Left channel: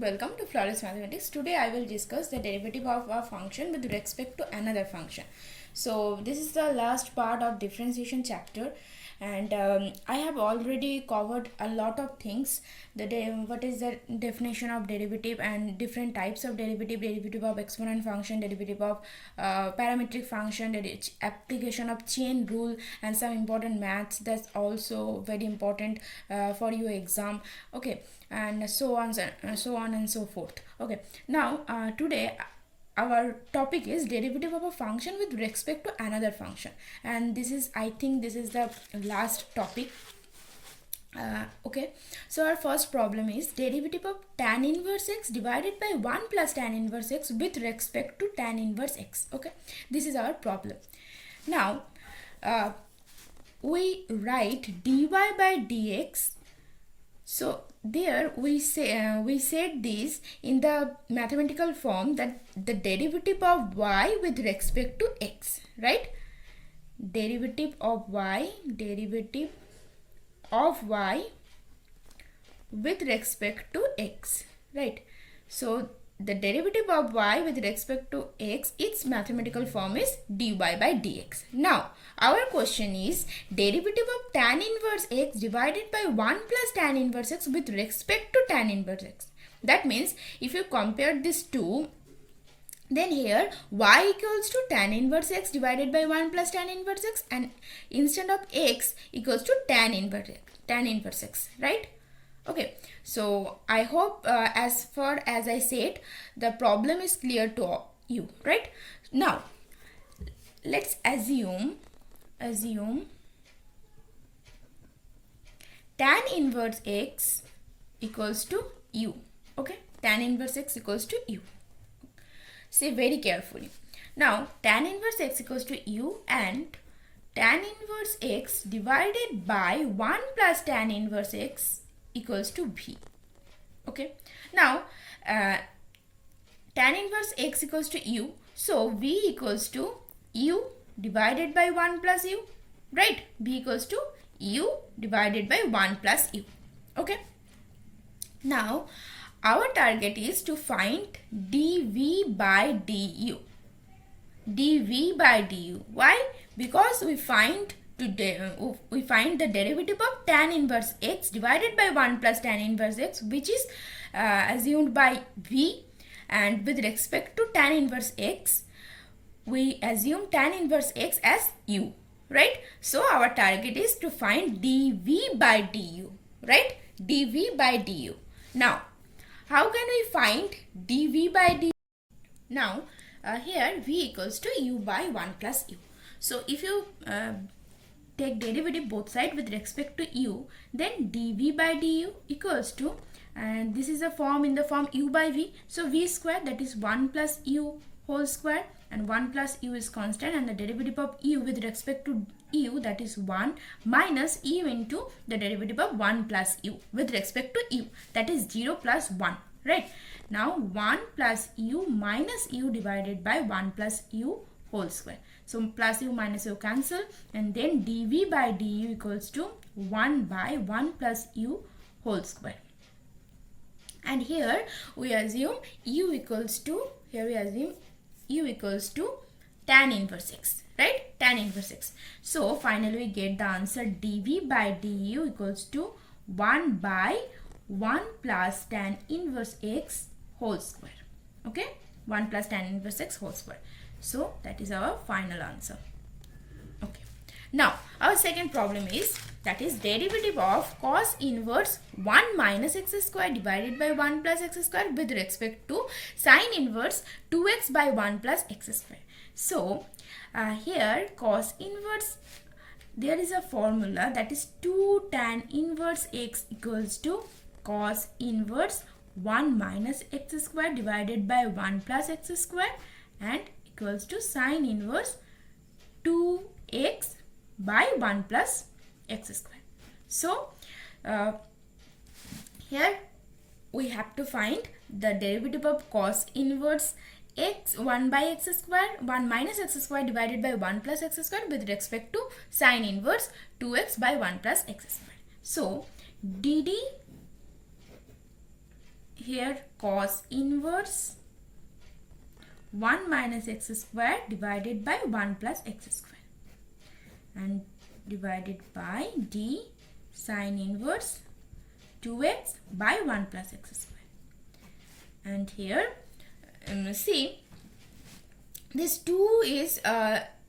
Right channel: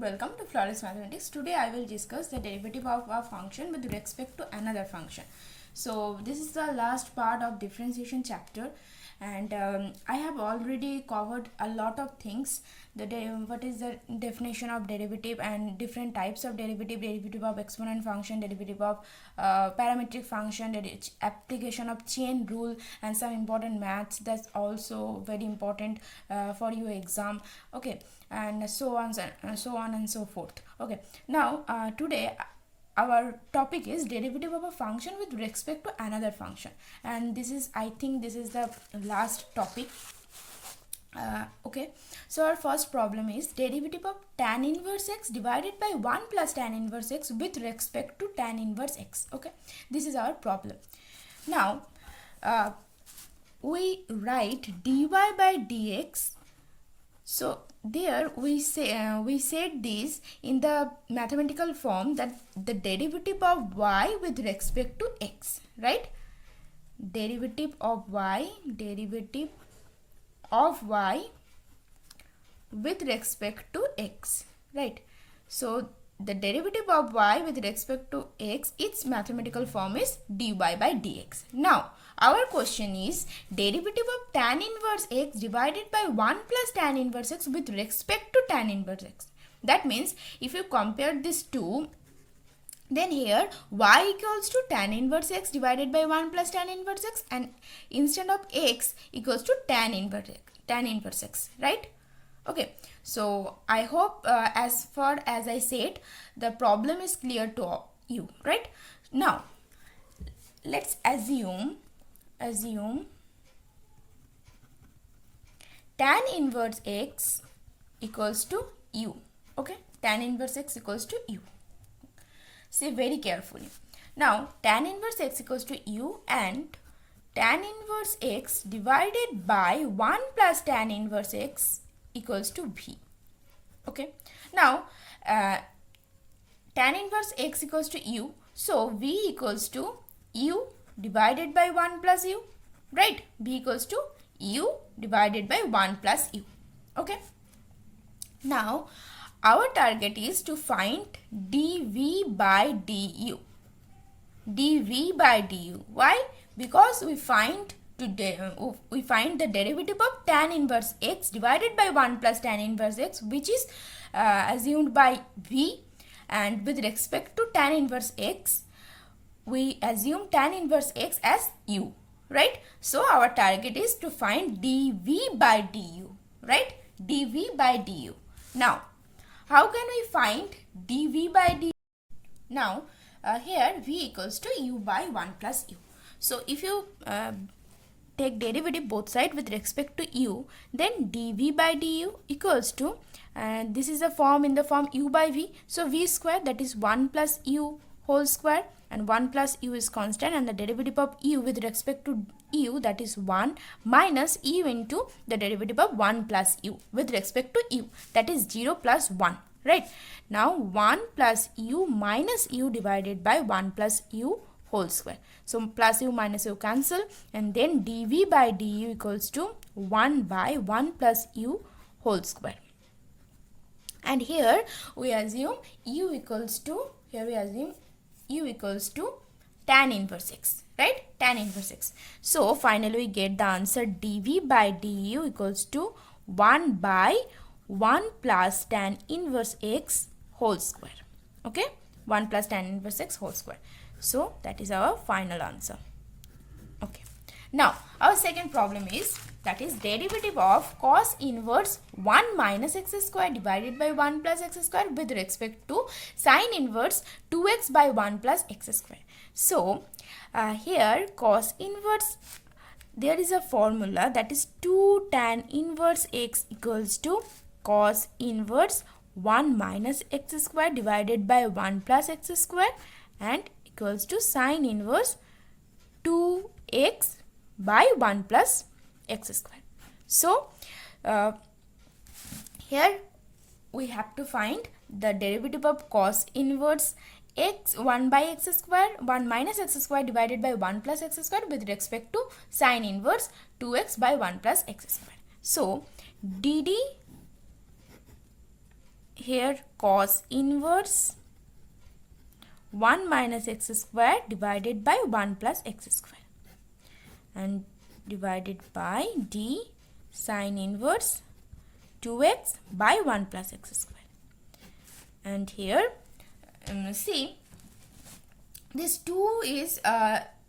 Welcome to Flawless Mathematics. Today I will discuss the derivative of a function with respect to another function. So this is the last part of differentiation chapter, and I have already covered a lot of things. What is the definition of derivative and different types of derivative of exponent function, derivative of parametric function, application of chain rule, and some important maths that's also very important for your exam. Okay, and so on and so forth. Okay, now today our topic is derivative of a function with respect to another function, and I think this is the last topic. Okay, so our first problem is derivative of tan inverse x divided by 1 plus tan inverse x with respect to tan inverse x. Okay, this is our problem. Now we write dy by dx. So there we said this in the mathematical form, that the derivative of y with respect to x, right? Derivative of y with respect to x, right? So the derivative of y with respect to x, its mathematical form is dy by dx. Now our question is derivative of tan inverse x divided by 1 plus tan inverse x with respect to tan inverse x. That means if you compare these two, then here y equals to tan inverse x divided by 1 plus tan inverse x, and instead of x equals to tan inverse x, right? Okay, so I hope as far as I said, the problem is clear to you, right? Now let's assume tan inverse x equals to u. Okay, tan inverse x equals to u. See very carefully. Now tan inverse x equals to u, and tan inverse x divided by 1 plus tan inverse x equals to v. Okay, now tan inverse x equals to u, so v equals to u divided by 1 plus u, right? V equals to u divided by 1 plus u. Okay, now our target is to find dv by du. Why? Because we find the derivative of tan inverse x divided by 1 plus tan inverse x, which is assumed by v, and with respect to tan inverse x we assume tan inverse x as u, right? So our target is to find dv by du, right? dv by du. Now how can we find dv by du? Now here v equals to u by 1 plus u. So if you take derivative both sides with respect to u, then dv by du equals to, and this is a form in the form u by v, so v square, that is 1 plus u whole square, and 1 plus u is constant, and the derivative of u with respect to u, that is 1, minus u into the derivative of 1 plus u with respect to u, that is 0 plus 1, right? Now 1 plus u minus u divided by 1 plus u whole square. So plus u minus u cancel, and then dv by du equals to 1 by 1 plus u whole square. And here we assume u equals to, tan inverse x, right? Tan inverse x. So finally we get the answer dv by du equals to 1 by 1 plus tan inverse x whole square. Okay, 1 plus tan inverse x whole square. So that is our final answer. Okay, now our second problem is, that is derivative of cos inverse 1 minus x square divided by 1 plus x square with respect to sin inverse 2x by 1 plus x square. So here cos inverse, there is a formula, that is 2 tan inverse x equals to cos inverse 1 minus x square divided by 1 plus x square, and equals to sin inverse 2x by 1 plus x square. So here we have to find the derivative of cos inverse x 1 by x square, 1 minus x square divided by 1 plus x square with respect to sin inverse 2x by 1 plus x square. So dd here cos inverse 1 minus x square divided by 1 plus x square, and divided by d sine inverse 2x by 1 plus x square. And here see, this 2 is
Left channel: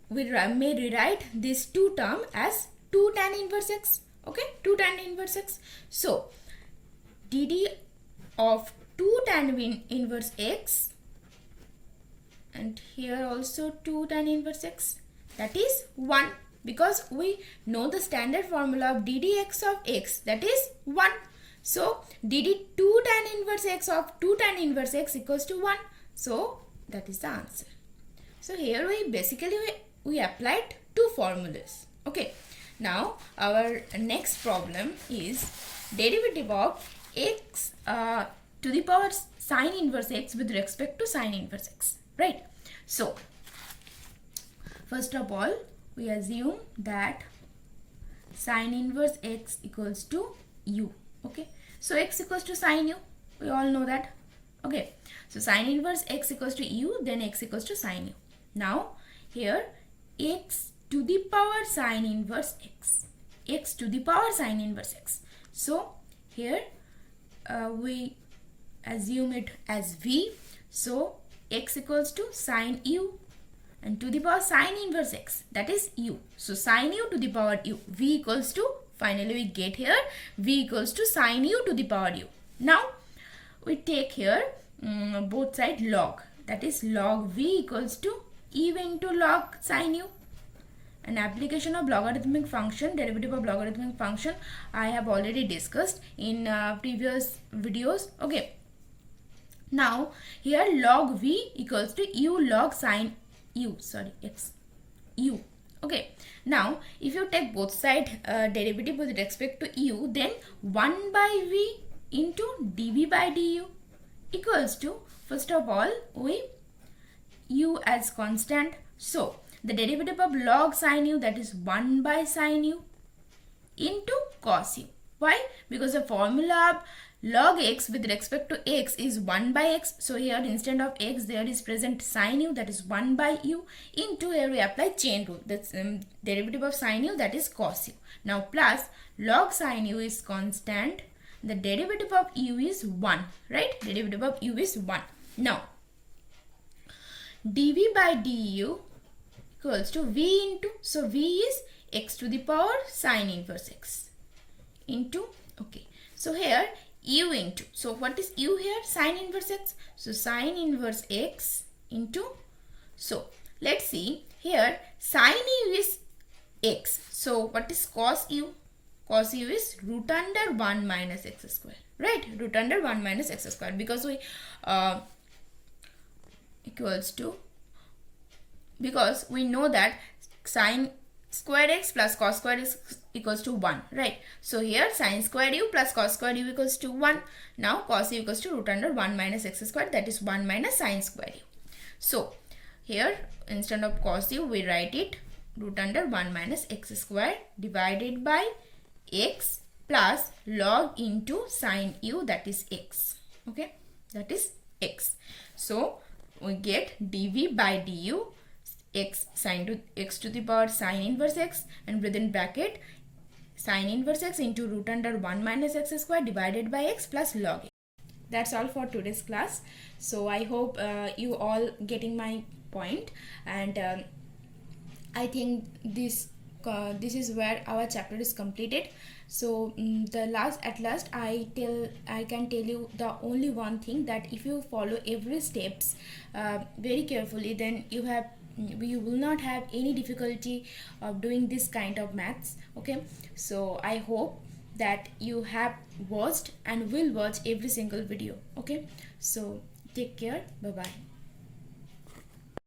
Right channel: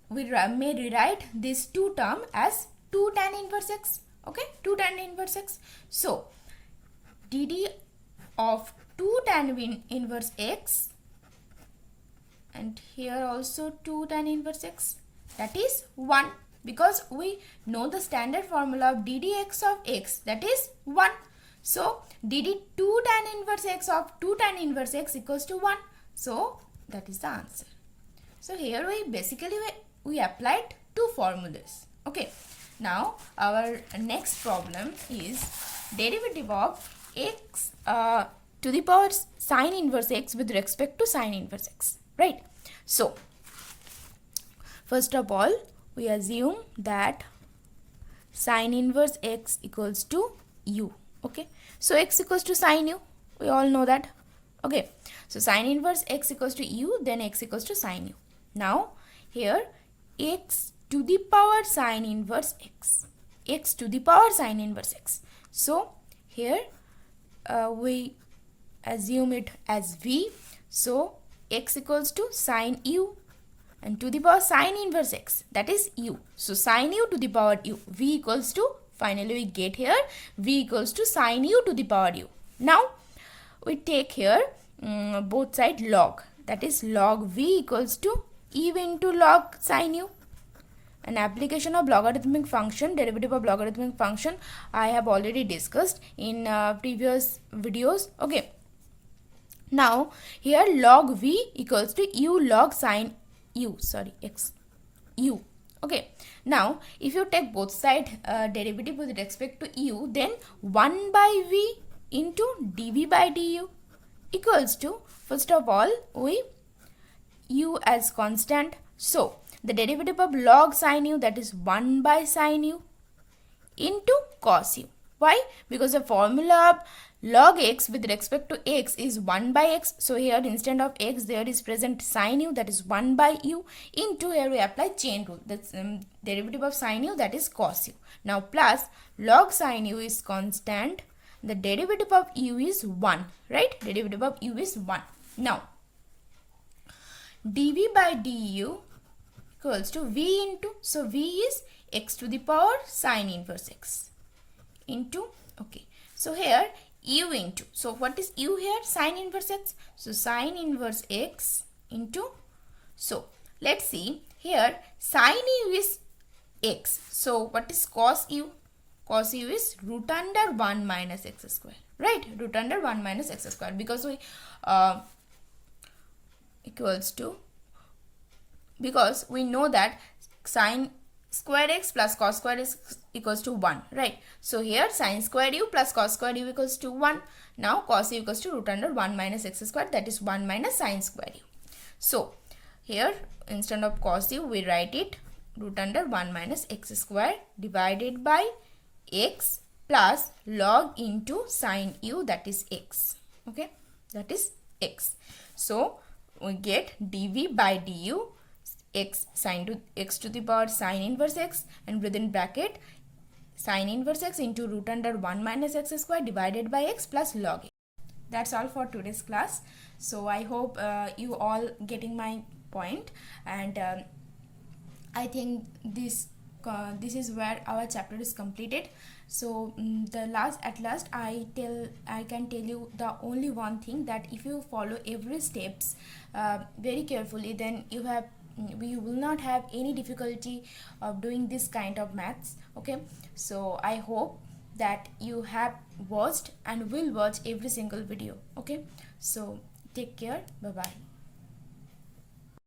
we may rewrite this 2 term as 2 tan inverse x. Okay, 2 tan inverse x. So dd of 2 tan inverse x, and here also 2 tan inverse x, that is 1, because we know the standard formula of ddx of x, that is 1. So dd 2 tan inverse x of 2 tan inverse x equals to 1. So that is the answer. So here we basically we applied two formulas. Okay, now our next problem is derivative of x to the power sine inverse x with respect to sine inverse x, right? So first of all, we assume that sine inverse x equals to u. Okay, so x equals to sine u, we all know that. Okay, so sine inverse x equals to u, then x equals to sine u. Now here x to the power sine inverse x, x to the power sine inverse x. So here we assume it as v. So x equals to sine u, and to the power sine inverse x, that is u. So sine u to the power u, v equals to, finally we get here v equals to sine u to the power u. Now we take here both side log, that is log v equals to e into log sine u. An application of logarithmic function, derivative of logarithmic function, I have already discussed in previous videos. Okay, now here log v equals to u log sine u, sorry, x u. Okay, now if you take both side derivative with respect to u, then 1 by v into dv by du equals to, first of all we u as constant, so the derivative of log sine u, that is 1 by sine u into cos u. Why? Because the formula of log x with respect to x is 1 by x. So here instead of x there is present sine u, that is 1 by u, into here we apply chain rule, that's derivative of sine u, that is cos u. Now plus log sine u is constant, the derivative of u is 1, right? Derivative of u is 1. Now dv by du equals to v into, so v is x to the power sine inverse x into, okay, so here u into, so what is u here? Sine inverse x, so sine inverse x into, so let's see here sine u is x, so what is cos u? Cos u is root under 1 minus x square, right? Root under 1 minus x square, because we equals to, because we know that sine square x plus cos square x equals to 1, right? So here sine square u plus cos square u equals to 1. Now cos u equals to root under 1 minus x square, that is 1 minus sine square u. So here instead of cos u we write it root under 1 minus x square divided by x plus log into sine u, that is x. Okay, that is x. So we get dv by du x sine to x to the power sine inverse x, and within bracket sine inverse x into root under 1 minus x square divided by x plus log x. That's all for today's class. So I hope you all getting my point, and I think this is where our chapter is completed. So at last I can tell you the only one thing, that if you follow every steps very carefully, then you will not have any difficulty of doing this kind of maths. Okay, so I hope that you have watched and will watch every single video. Okay, so take care, bye bye.